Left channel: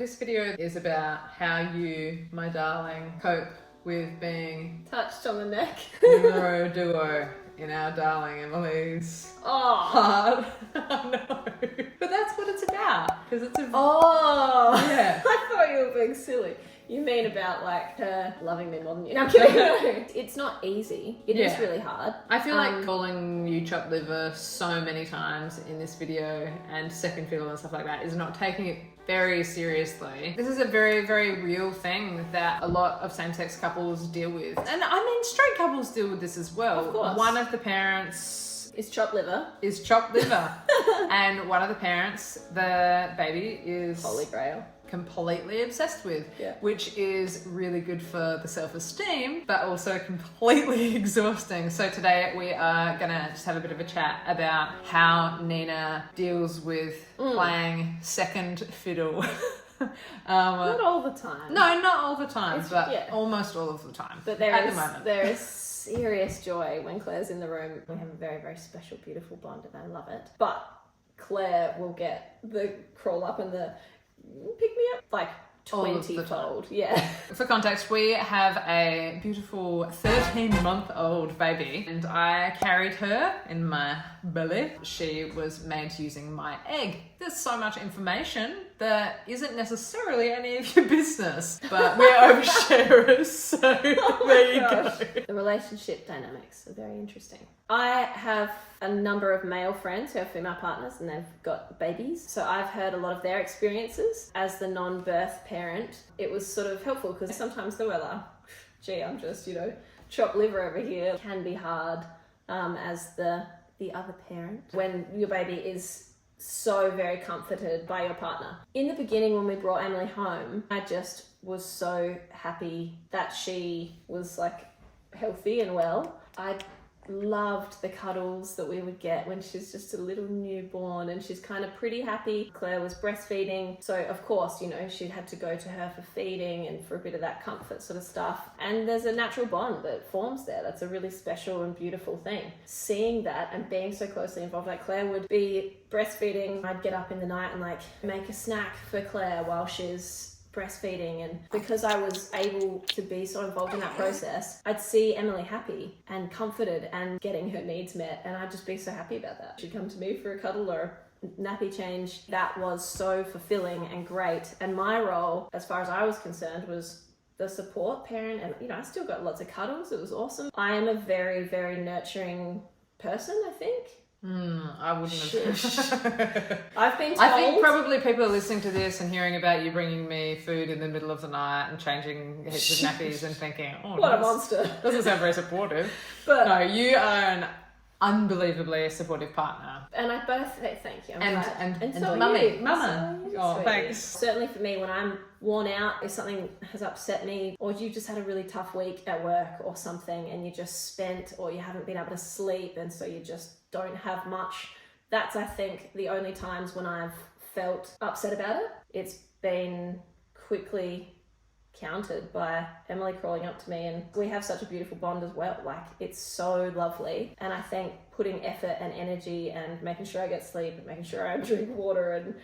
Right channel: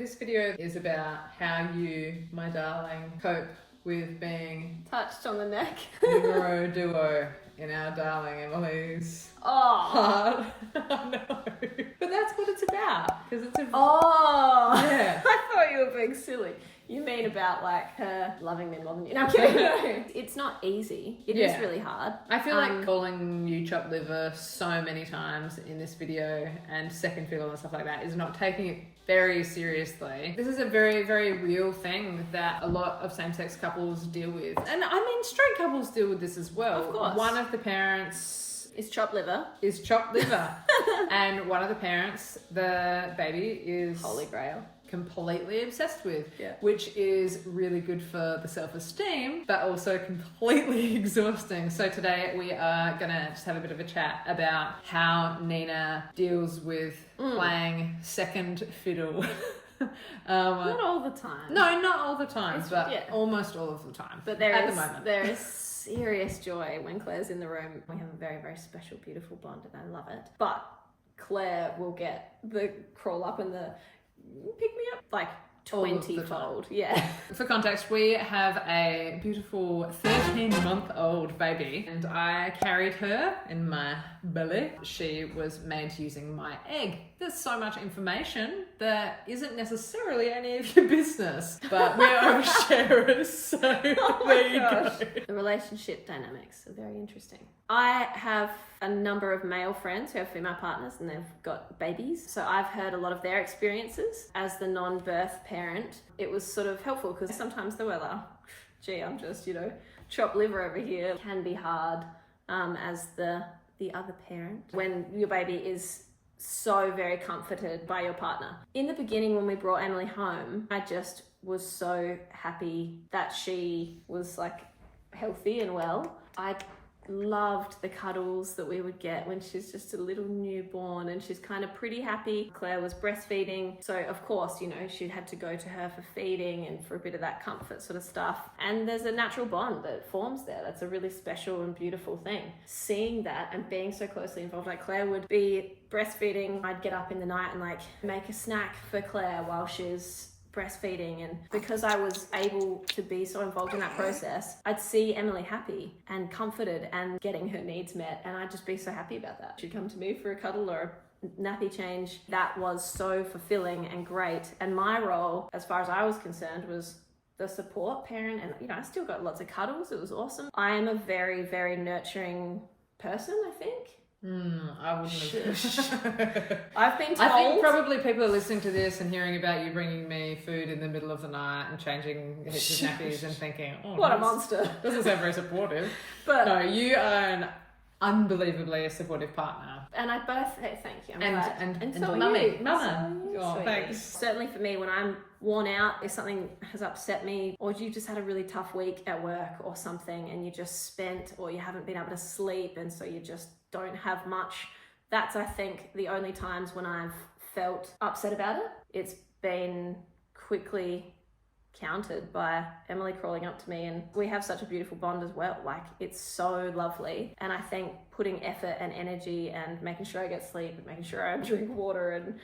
This video is about how you, my darling, cope with being touched on the neck. numero duo in our darling Emily's heart. Oh no. But that's what it's about. Because it's a... Oh! Yeah. I thought you were being silly. You mean about like her loving me more than you? No, I'm kidding. No. It's not easy. It is really hard. I feel like calling you chopped liver so many times in this video and second fiddle and stuff like that is not taking it very seriously. This is a very, very real thing that a lot of same-sex couples deal with. And I mean, straight couples deal with this as well. Of course. One of the parents is chopped liver. And one of the parents, the baby, is Holy Grail. Completely obsessed with, yeah. Which is really good for the self-esteem, but also completely exhausting. So today we are gonna just have a bit of a chat about how Nina deals with playing second fiddle. Not all the time. No, not all the time, but almost all of the time. But there is serious joy when Claire's in the room. We have a very, very special, beautiful bond, and I love it. But Claire will get the crawl up and the pick me up like 20-fold. Yeah. For context, we have a beautiful 13-month-old baby and I carried her in my belly. She was made using my egg. There's so much information that isn't necessarily any of your business, but we're oversharers, so there you go. The relationship dynamics are very interesting. I have a number of male friends who have female partners and they've got babies, so I've heard a lot of their experiences. As the non-birth parent, it was sort of helpful because sometimes they were like, gee, I'm just, chopped liver over here. It can be hard as the other parent when your baby is so very comforted by your partner. In the beginning, when we brought Emily home, I just was so happy that she was like healthy and well. I loved the cuddles that we would get when she's just a little newborn and she's kind of pretty happy. Claire was breastfeeding, so of course, she had to go to her for feeding and for a bit of that comfort sort of stuff. And there's a natural bond that forms there. That's a really special and beautiful thing. Seeing that and being so closely involved, like Claire would be breastfeeding, I'd get up in the night and like make a snack for Claire while she's breastfeeding, and because I was able to be so involved in that process, I'd see Emily happy and comforted and getting her needs met, and I'd just be so happy about that. She'd come to me for a cuddle or a nappy change. That was so fulfilling and great, and my role, as far as I was concerned, was the support parent, and I still got lots of cuddles. It was awesome. I am a very, very nurturing person, I think. I wouldn't have. I've been told. I think probably people are listening to this and hearing about you bringing me food in the middle of the night and changing heaps of nappies and thinking, oh, what a monster. Doesn't sound very supportive. But no, you are an unbelievably supportive partner. And I both say thank you. And so mummy. Mama. Oh, thanks. Certainly for me, when I'm worn out, if something has upset me, or you just had a really tough week at work or something and you just spent, or you haven't been able to sleep and so you just don't have much, that's, I think, the only times when I've felt upset about it. It's been quickly countered by Emily crawling up to me, and we have such a beautiful bond as well. Like, it's so lovely, and I think putting effort and energy and making sure I get sleep and making sure I drink water and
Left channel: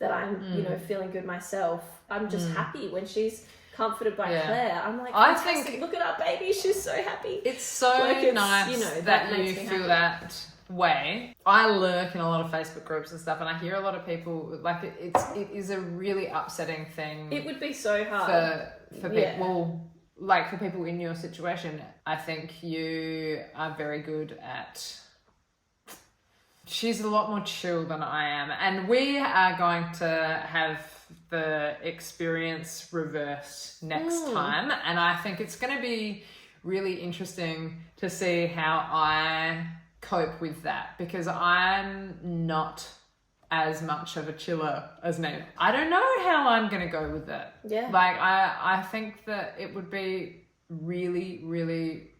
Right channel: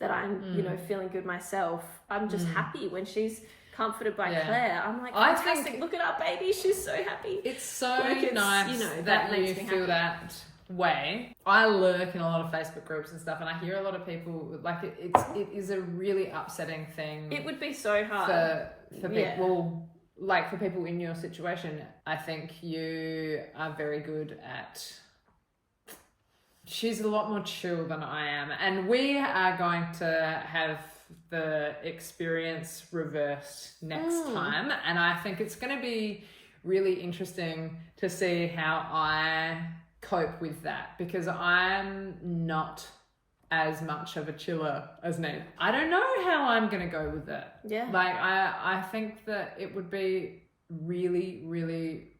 that I'm feeling good myself, I'm just happy when she's comforted by Claire. I'm like, fantastic, look at our baby, she's so happy. It's so nice that you feel that way. I lurk in a lot of Facebook groups and stuff, and I hear a lot of people like it is a really upsetting thing. It would be so hard for people, like for people in your situation. I think you are very good at. She's a lot more chill than I am, and we are going to have the experience reversed next time, and I think it's going to be really interesting to see how I cope with that, because I'm not as much of a chiller as Nina. I don't know how I'm going to go with that. Yeah. Like, I think that it would be really, really,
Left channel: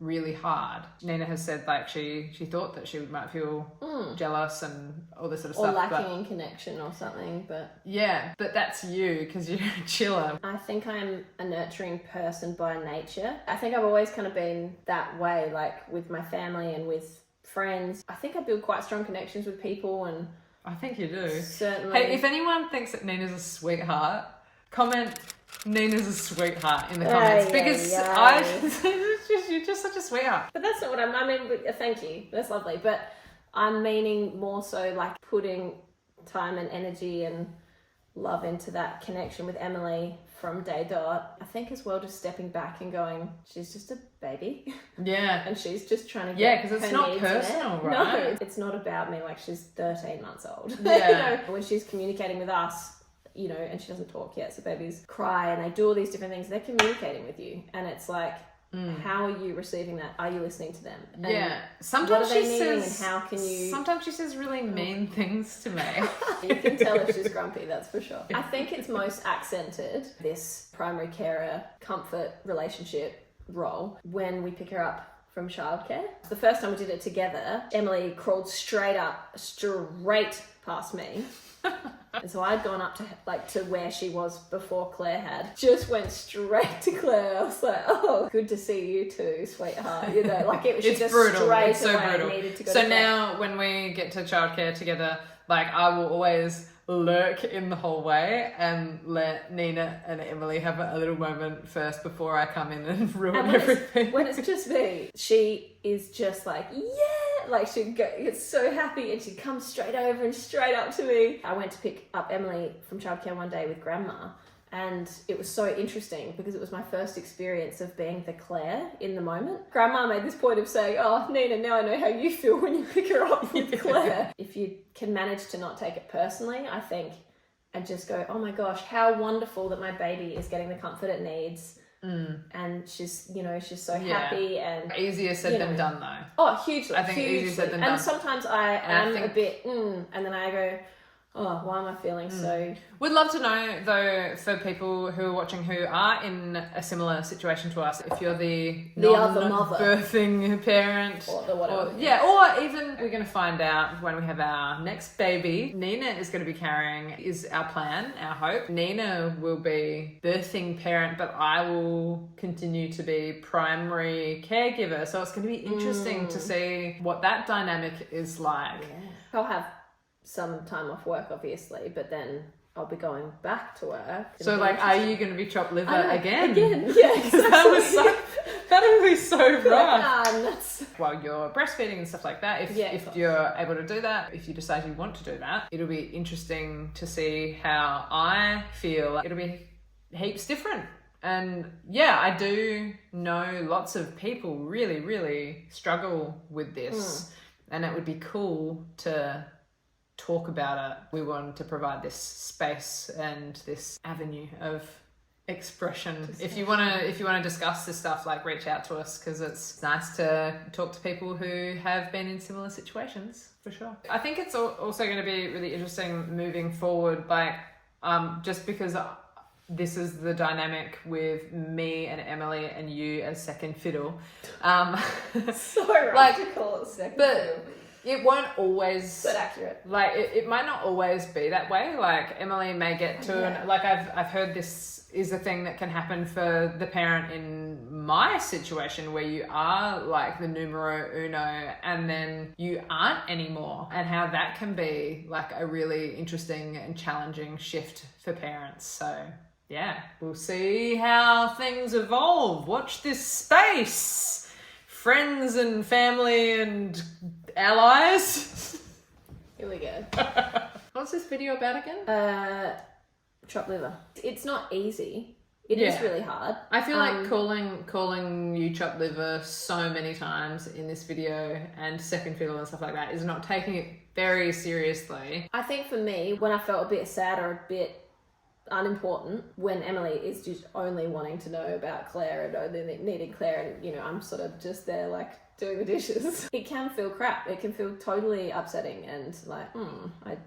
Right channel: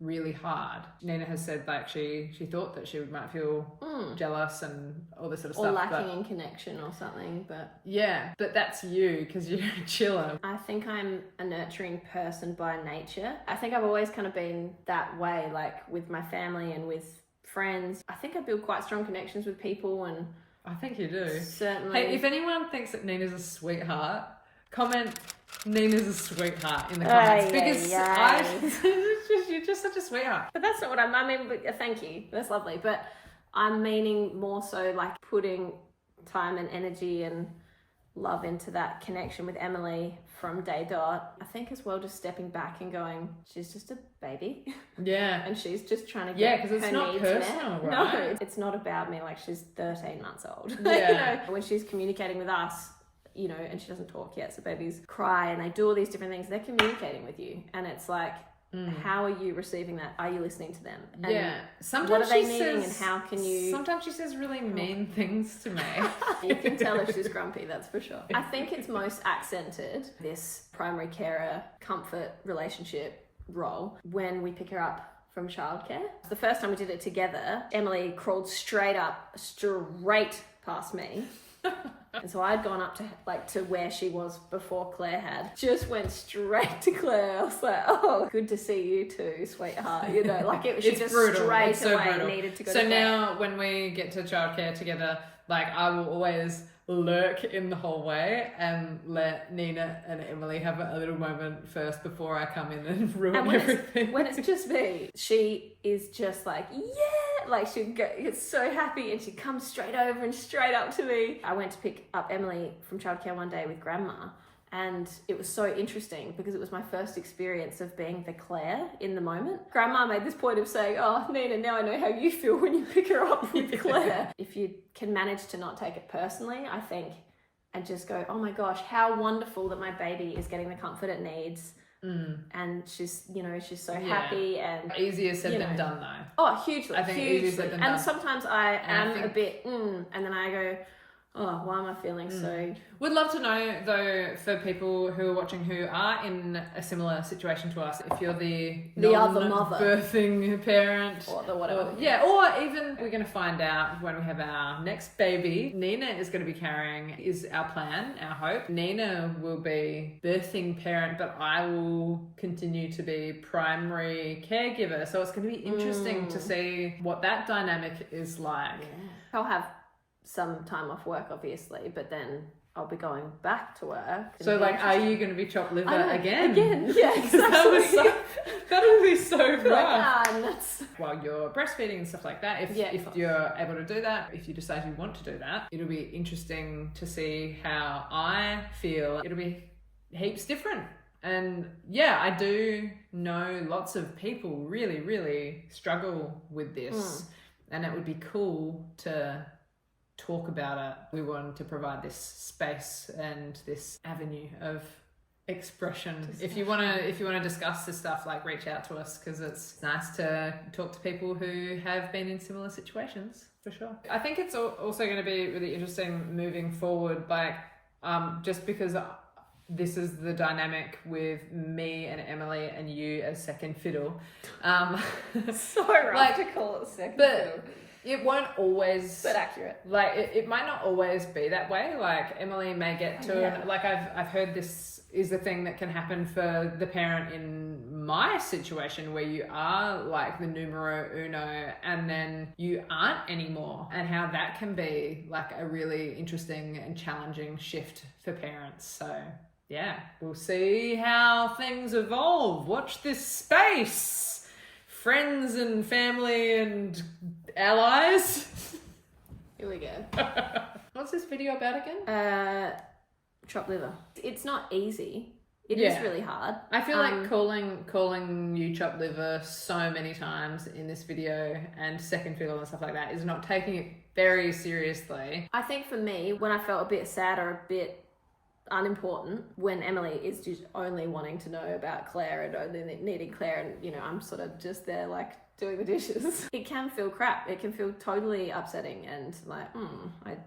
really hard. Nina has said like she thought that she might feel jealous and all this sort of stuff. Or lacking in connection or something, but... Yeah, but that's you, because you're a chiller. I think I'm a nurturing person by nature. I think I've always kind of been that way, like with my family and with friends. I think I build quite strong connections with people, and I think you do. Certainly. Hey, if anyone thinks that Nina's a sweetheart, comment Nina's a sweetheart in the comments because you're just such a sweetheart. But that's not what I mean. But, thank you. That's lovely. But I'm meaning more so like putting time and energy and love into that connection with Emily from day dot. I think as well just stepping back and going, she's just a baby. Yeah. And she's just trying to get because it's her not needs personal, met. right? No, it's not about me. Like, she's 13 months old. Yeah. You know, when she's communicating with us, you know, and she doesn't talk yet, so babies cry and they do all these different things. They're communicating with you, and it's like, how are you receiving that? Are you listening to them? And sometimes what are they she needing, says, and how can you... Sometimes she says really mean things to me. You can tell if she's grumpy, that's for sure. I think it's most accented, this primary carer comfort relationship role, when we pick her up from childcare. The first time we did it together, Emily crawled straight past me. And so I'd gone up to where she was before Claire had. Just went straight to Claire. I was like, oh, good to see you too, sweetheart. You know, like she just brutal. straight It's so away brutal. needed to go so to Claire. now when we get to childcare together, like I will always lurk in the hallway and let Nina and Emily have a little moment first before I come in and ruin everything. When it's just me, she is just like, yeah, like she'd get so happy and she'd come straight over and straight up to me. I went to pick up Emily from childcare one day with Grandma, and it was so interesting because it was my first experience of being the Claire in the moment. Grandma made this point of saying, oh, Nina, now I know how you feel when you pick her up with Claire. If you can manage to not take it personally, I think, and just go, oh my gosh, how wonderful that my baby is getting the comfort it needs. And she's, you know, she's so happy. And easier said than done though. Oh, hugely. I think hugely. easier said than done. And sometimes I am a bit, and then I go, oh, why am I feeling so... We'd love to know, though, for people who are watching who are in a similar situation to us, if you're the other mother, birthing parent, or the whatever. Or even we're going to find out when we have our next baby. Nina is going to be carrying, is our plan, our hope. Nina will be birthing parent, but I will continue to be primary caregiver. So it's going to be interesting to see what that dynamic is like. Yeah. I'll have some time off work, obviously, but then I'll be going back to work. So, like, are you going to be chopped liver again? Again, yeah, exactly. That would be so rough. Nuts. While you're breastfeeding and stuff like that, if you're able to do that, if you decide you want to do that, it'll be interesting to see how I feel. It'll be heaps different. And yeah, I do know lots of people really, really struggle with this. And it would be cool to talk about it. We want to provide this space and this avenue of expression. If you want to discuss this stuff, like, reach out to us, because it's nice to talk to people who have been in similar situations, for sure. I think it's also going to be really interesting moving forward, like, just because this is the dynamic with me and Emily and you as second fiddle. So right to call it second fiddle. It won't always... But accurate. Like, it might not always be that way. Like, Emily may get to... Like, I've heard this is a thing that can happen for the parent in my situation, where you are, like, the numero uno and then you aren't anymore. And how that can be, like, a really interesting and challenging shift for parents. So, yeah, we'll see how things evolve. Watch this space. Friends and family and allies. Here we go. What's this video about again? Chopped liver. It's not easy. It is really hard. I feel like calling you chopped liver so many times in this video and second fiddle and stuff like that is not taking it very seriously. I think for me, when I felt a bit sad or a bit unimportant, when Emily is just only wanting to know about Claire and only needing Claire, and, you know, I'm sort of just there, like, doing the dishes. It can feel crap. It can feel totally upsetting and like,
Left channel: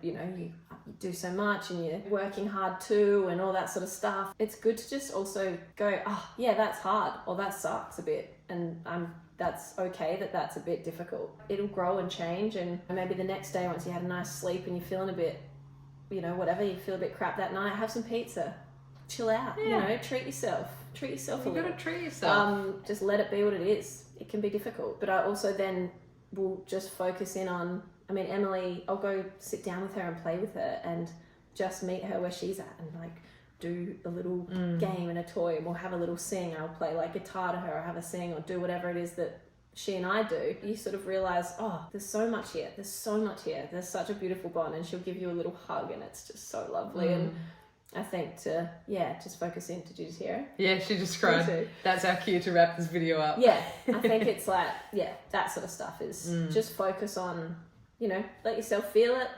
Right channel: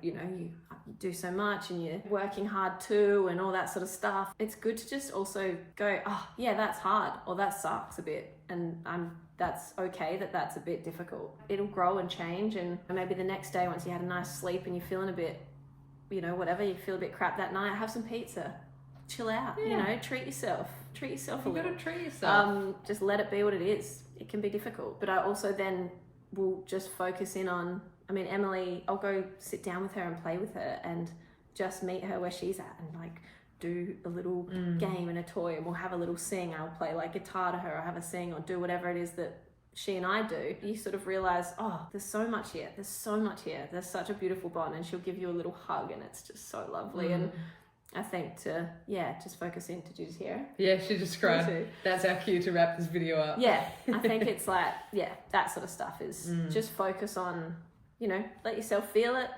you do so much and you're working hard too and all that sort of stuff. It's good to just also go, oh yeah, that's hard, or that sucks a bit, and that's okay that's a bit difficult. It'll grow and change, and maybe the next day, once you had a nice sleep and you're feeling a bit, you know, whatever, you feel a bit crap that night, have some pizza, chill out, you know, treat yourself a little. You gotta treat yourself. Just let it be what it is. It can be difficult, but I also then will just focus in on I mean, Emily, I'll go sit down with her and play with her and just meet her where she's at and like do a little game and a toy, and we'll have a little sing, and I'll play like guitar to her or have a sing or do whatever it is that she and I do. You sort of realize, oh, there's so much here. There's such a beautiful bond, and she'll give you a little hug, and it's just so lovely. And I think just focus in. Did you just hear her? Yeah, she just cried. That's our cue to wrap this video up. Yeah, I think it's like, that sort of stuff is just focus on, let yourself feel it,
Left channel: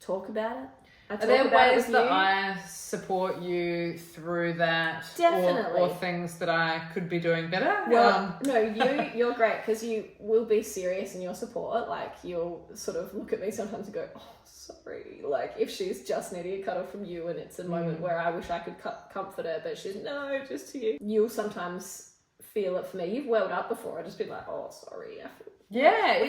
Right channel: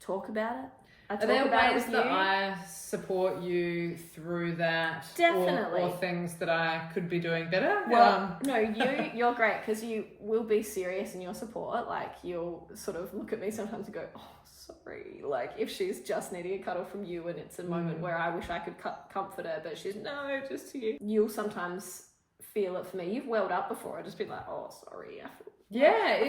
talk about it. Are there ways that I support you through that? Definitely. Or things that I could be doing better? Well, no, you're great because you will be serious in your support. Like, you'll sort of look at me sometimes and go, oh, sorry. Like, if she's just needing a cuddle from you and it's a moment where I wish I could comfort her, but she's, no, just to you. You'll sometimes feel it for me. You've welled up before. I'll just be like, oh, sorry. I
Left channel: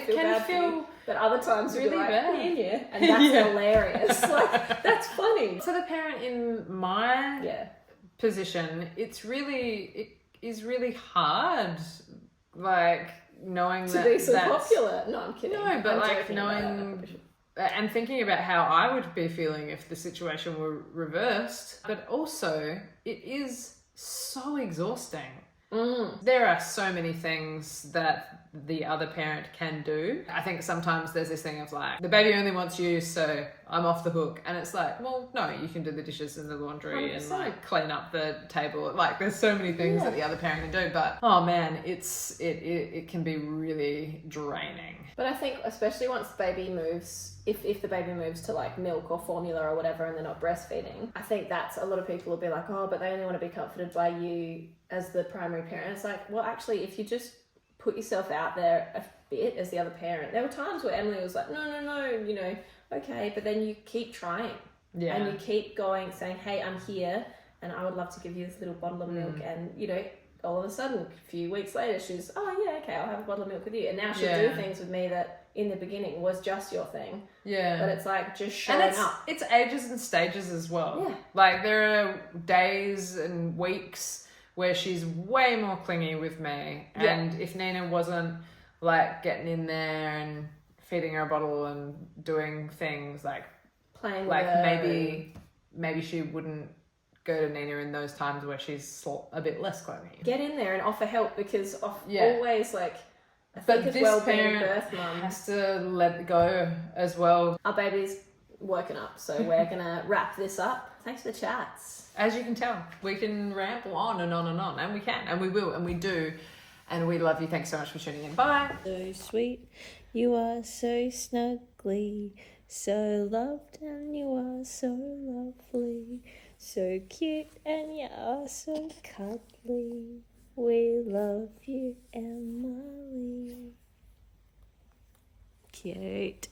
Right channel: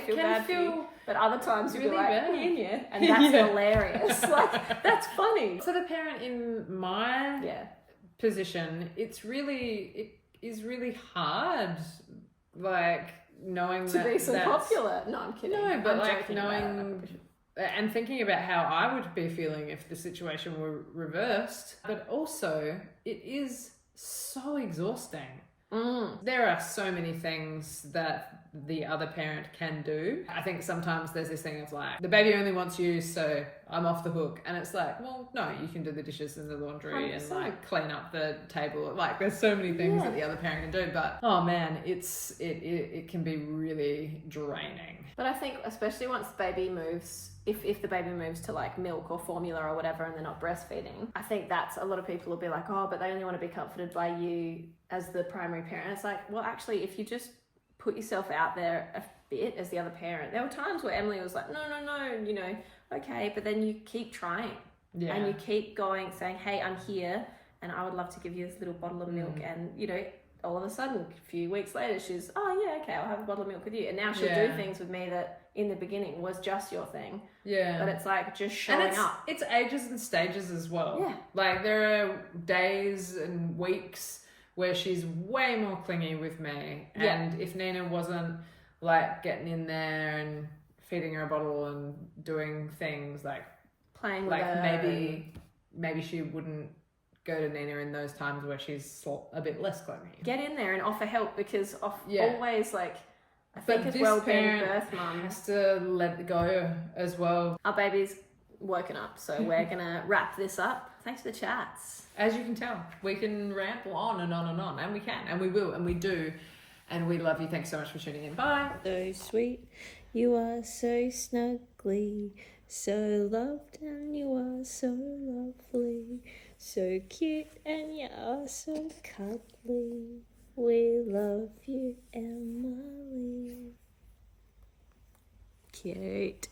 feel can bad for you. But other times you'll really be like, bad. yeah. And that's hilarious. Like, that's funny. So the parent in my position, it is really hard, like, knowing to be so popular. No, I'm kidding. No, but I'm like knowing and thinking about how I would be feeling if the situation were reversed. But also, it is so exhausting. There are so many things that the other parent can do. I think sometimes there's this thing of like, the baby only wants you, so I'm off the hook. And it's like, well, no, you can do the dishes and the laundry 100%. and like clean up the table. Like, there's so many things that the other parent can do. But oh man, it can be really draining. But I think especially once the baby moves, if the baby moves to like milk or formula or whatever and they're not breastfeeding, I think that's, a lot of people will be like, oh, but they only want to be comforted by you as the primary parent. It's like, well, actually, if you just put yourself out there a bit as the other parent. There were times where Emily was like, no, okay, but then you keep trying. Yeah. And you keep going, saying, hey, I'm here and I would love to give you this little bottle of milk. And, all of a sudden, a few weeks later, she's, oh, yeah, okay, I'll have a bottle of milk with you. And now she'll do things with me that in the beginning was just your thing. Yeah. But it's like just showing up. It's ages and stages as well. Yeah. Like, there are days and weeks where she's way more clingy with me. And if Nina wasn't like getting in there and feeding her a bottle and doing things like playing with her, maybe she wouldn't go to Nina in those times where she's a bit less clingy. Get in there and offer help, because always like, I think as well, being birth mum has to let go as well. Our baby's woken up, so we're gonna wrap this up. Thanks for the chats. As you can tell, we can ramble on and on and on, and we can, and we will, and we do, and we love you. Thanks so much for tuning in. Bye. So sweet, you are so snuggly, so loved, and you are so lovely, so cute, and you are so cuddly. We love you, Emily. Cute.